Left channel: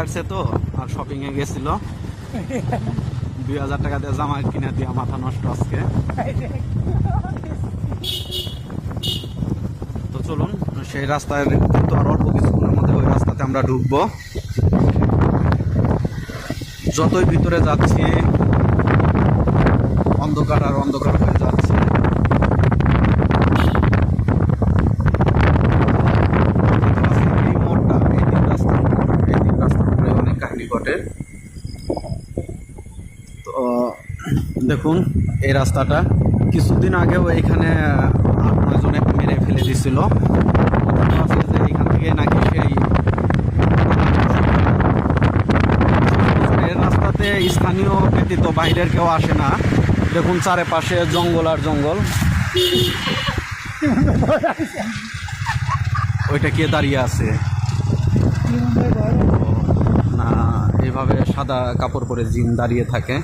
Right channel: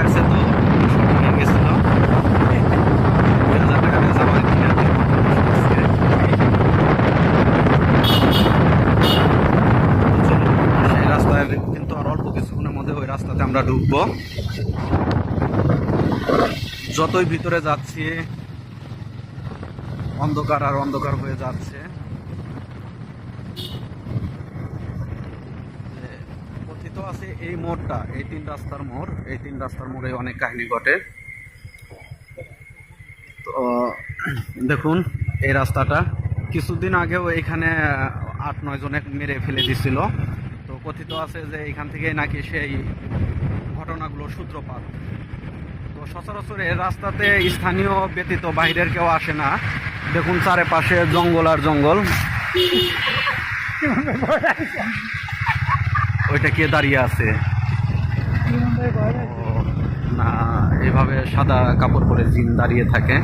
আসছে তো শপিংয়ে গেছিল, 2000 টাকা দিয়ে জামা কিনে দিয়ে মাথা নষ্ট করছে। চলুন সেই রাস্তায় কিন্তু আর অল্প কিছুক্ষণের মধ্যে ওই রাস্তাতে আমরা ঢুকবো। যতই ভিতরে যাচ্ছি অন্ধকার আর অন্ধকার হয়ে যাচ্ছে। এই মোড়টা, এই তিন রাস্তার মোড়, এই তিন রাস্তার মোড়ে অনেক কাহিনী ঘটে। তো দেখুন এই রাস্তাটা কিছুদিন আগেও এইখানে 8-9 জনে মেরে ফেলে দিছিল। কথা আছে যে এইখান থেকে নাকি সেই এই রাস্তাতে স্থানীয় ব্যতীত বাইরের কেউ আসে না। দেখুন চারিপাশে জঙ্গল আর জঙ্গল। ওইটা কে দাঁড়িয়ে আছে? না, এইভাবে সাদা কাপড় পরে জিন দাঁড়িয়ে থাকে।